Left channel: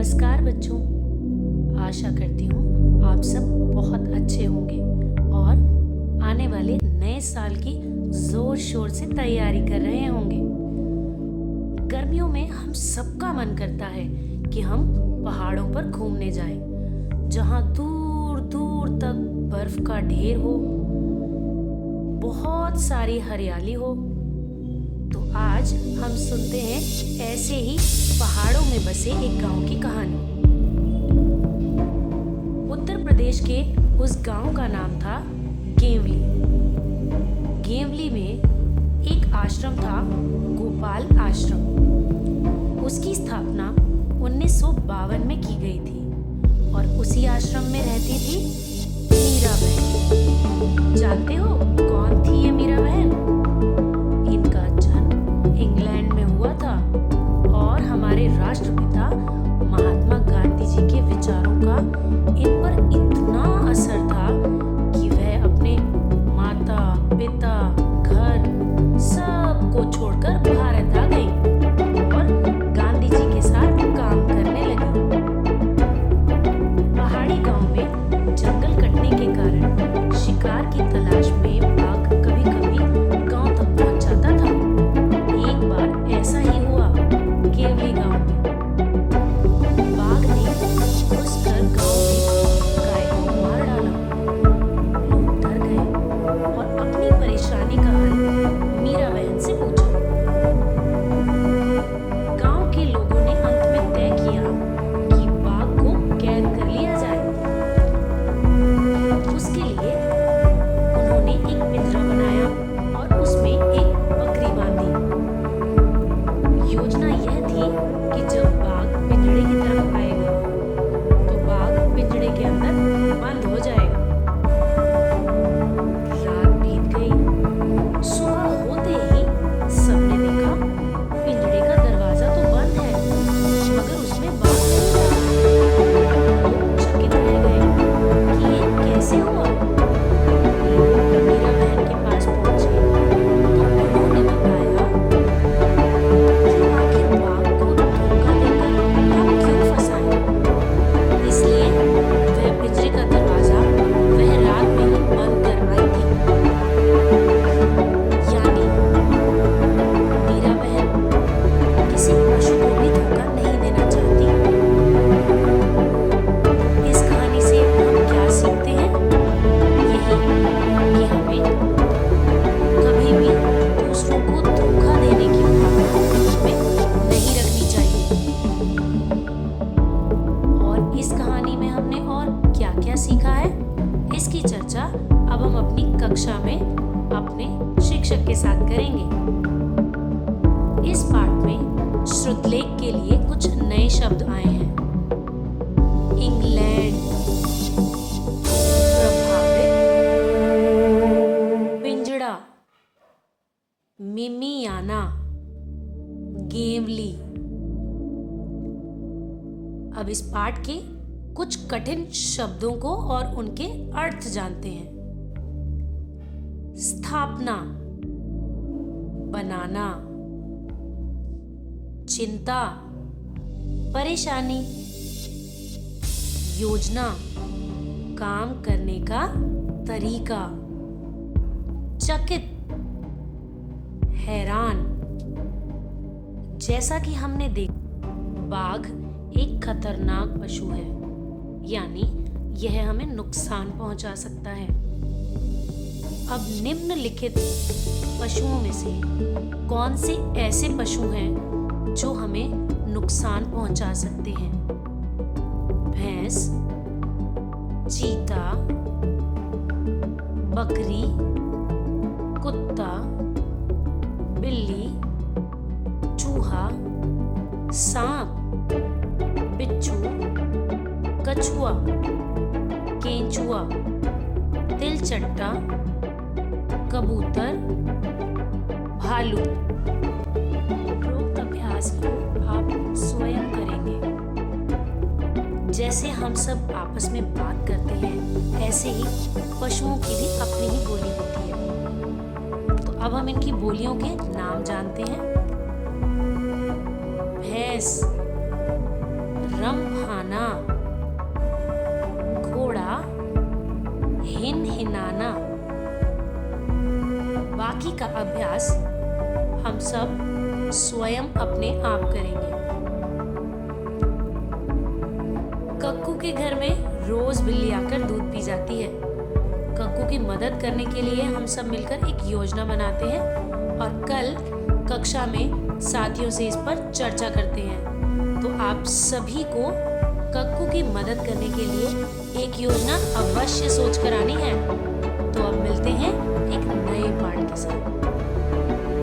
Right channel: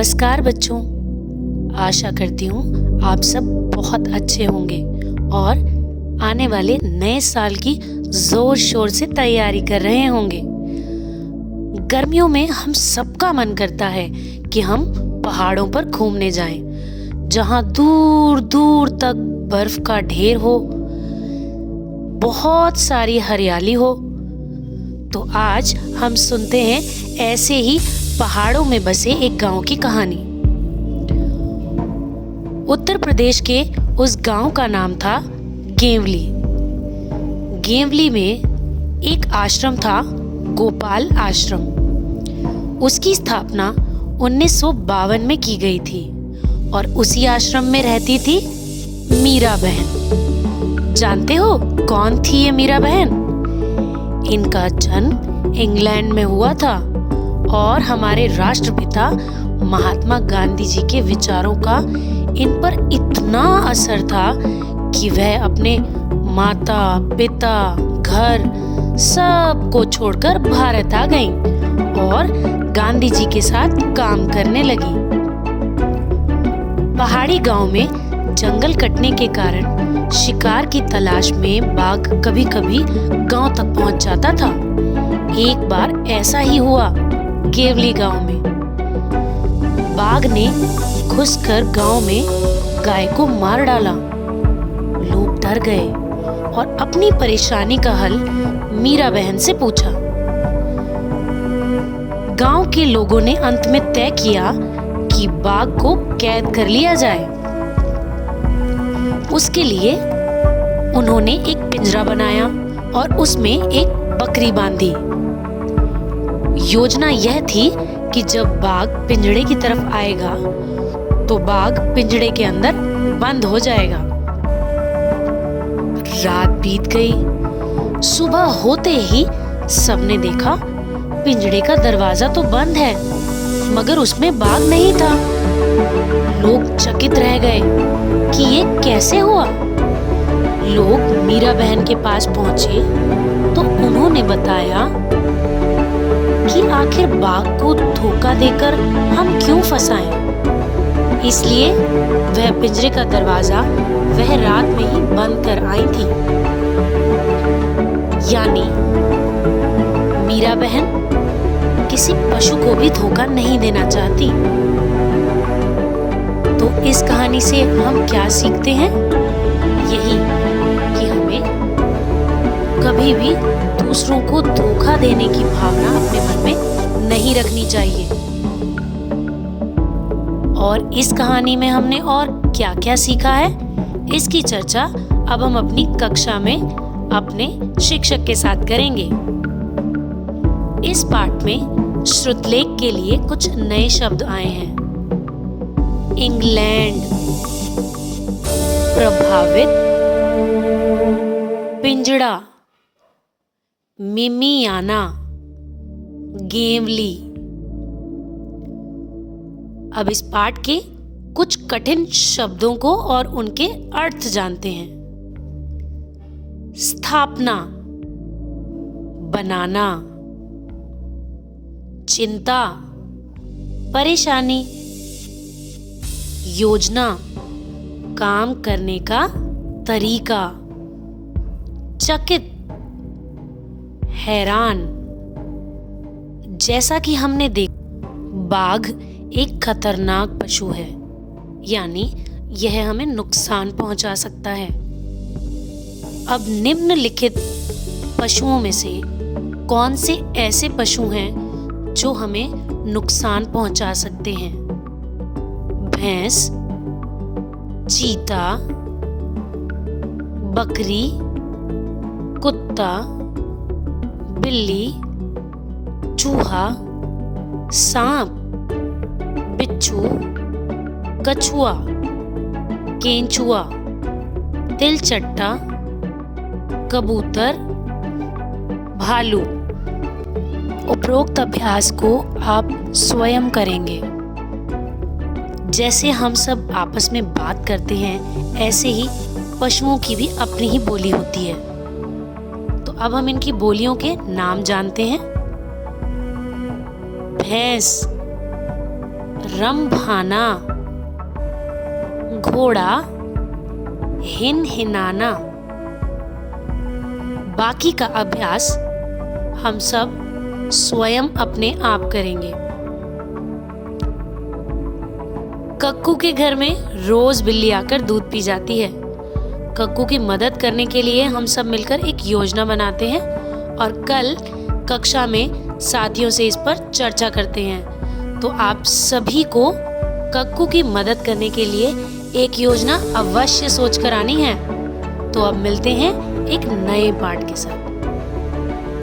नमस्कार बच्चों। आशा करती हूँ आप सब बहुत अच्छे होंगे और आने वाले नए साल की जोर शोर से तैयारी कर रहे होंगे। गर्मियों में हम सबका मन करता है कि हम पहाड़ों पर घूमने जाएं, जहाँ दूर दूर तक बर्फ का ढेर हो, बहुत सारी हरियाली हो। तो आज हम सुनते हैं ऐसे ही पहाड़ों में बसे एक गांव की कहानी। उत्तर प्रदेश के उस गांव का नाम था गेवली। गेवली में एक आश्रम था, गोपाल आश्रम। उसकी स्थापना 1952 में की गई थी और उसी आश्रम में रहती थी मीरा बहन। जानते हो कौन थी ये मीरा बहन? इनका जन्म इंग्लैंड में हुआ था और हमारे राष्ट्रपिता महात्मा गांधी जी के विचारों का इन पर इतना असर था कि वह अपने माता पिता घर सब को छोड़कर भारत आ गईं और गांधी जी के साथ काम करने लगी। पहाड़ी गांव में जंगल कटने के कारण शिकार की तलाश में बाघ कभी कभी गांव तक पहुंच जाता था। एक बार ऐसा ही हुआ गेवली गांव में। बाघ ने घुसकर गांव में गाय को मार डाला। लोग डर गए और अपनी परेशानी का हल मीरा बहन से पूछा। गांव के लोगों ने अंत में तय किया कि बाघ को कैद कर लिया जाए। उसके लिए उन्होंने एक पिंजरा बनाया और उसमें एक बकरी बांधी। योजना यह थी कि जब बाघ पिंजरे की तरफ आएगा तो बाघ पिंजरे के अंदर बंद हो जाएगा। रात बीत गई। सुबह होते ही सबने देखा पिंजरे का दरवाजा तो बंद है, मगर उसमें बाघ नहीं था। लोग चकित रह गए कि ये कैसे हुआ। लोग मीरा बहन के पास पहुंचे तो उन्होंने बताया कि आखिर बाघ को धोखा देकर हम क्यों फंसाएं। इसलिए वह पिंजरे का दरवाजा वह रात में ही बंद कर आई थी। यानी मीरा बहन किसी पशु को भी धोखा नहीं देना चाहती। तो इस कहानी से हम क्या सीखते हैं? यही कि हमें कभी भी दूसरों को धोखा देने की भावना अपने मन में नहीं रखनी चाहिए। और इस कहानी में हमने और क्या-क्या सीखा है, इसकी चर्चा अब हम अपनी कक्षा में अपने शिक्षक के साथ करेंगे। इस पाठ में श्रुतलेख के लिए कुछ नए शब्द आए हैं। इंग्लैंड, प्रभावित, पिंजड़ा, मिमियाना, गेवली। अब इस पाठ के कुछ कठिन शब्दों को और उनके अर्थ जानते हैं। स्थापना, बनाना, चिंता, परेशानी, योजना, काम करने का तरीका, चकित, हैरान। जैसा कि हमने देखा, बाघ एक खतरनाक पशु है, यानी यह हमें नुकसान पहुंचा सकता है। अब निम्नलिखित पशुओं में से कौन से ऐसे पशु हैं जो हमें नुकसान पहुंचा सकते हैं? भैंस, चीता, बकरी, कुत्ता, बिल्ली, चूहा, सांप, बिच्छू, कछुआ, केंचुआ, तिलचट्टा, कबूतर, भालू। उपरोक्त अभ्यास को आप स्वयं करेंगे। जैसे हम सब आपस में बात करते हैं, ऐसे ही पशुओं की भी अपनी ही बोली होती है। तो अब हम इनकी बोलियों के नाम जानते हैं। भैंस, रंभाना, घोड़ा हिनहिनाना। बाकी का अभ्यास हम सब स्वयं अपने आप करेंगे। कक्कू के घर में रोज बिल्ली आकर दूध पी जाती है। कक्कू की मदद करने के लिए हम सब मिलकर एक योजना बनाते हैं और कल कक्षा में साथियों से इस पर चर्चा करते हैं। तो आप सभी को कक्कू की मदद करने के लिए एक योजना अवश्य सोच कर आनी है। तो अब मिलते हैं एक नए पाठ के साथ।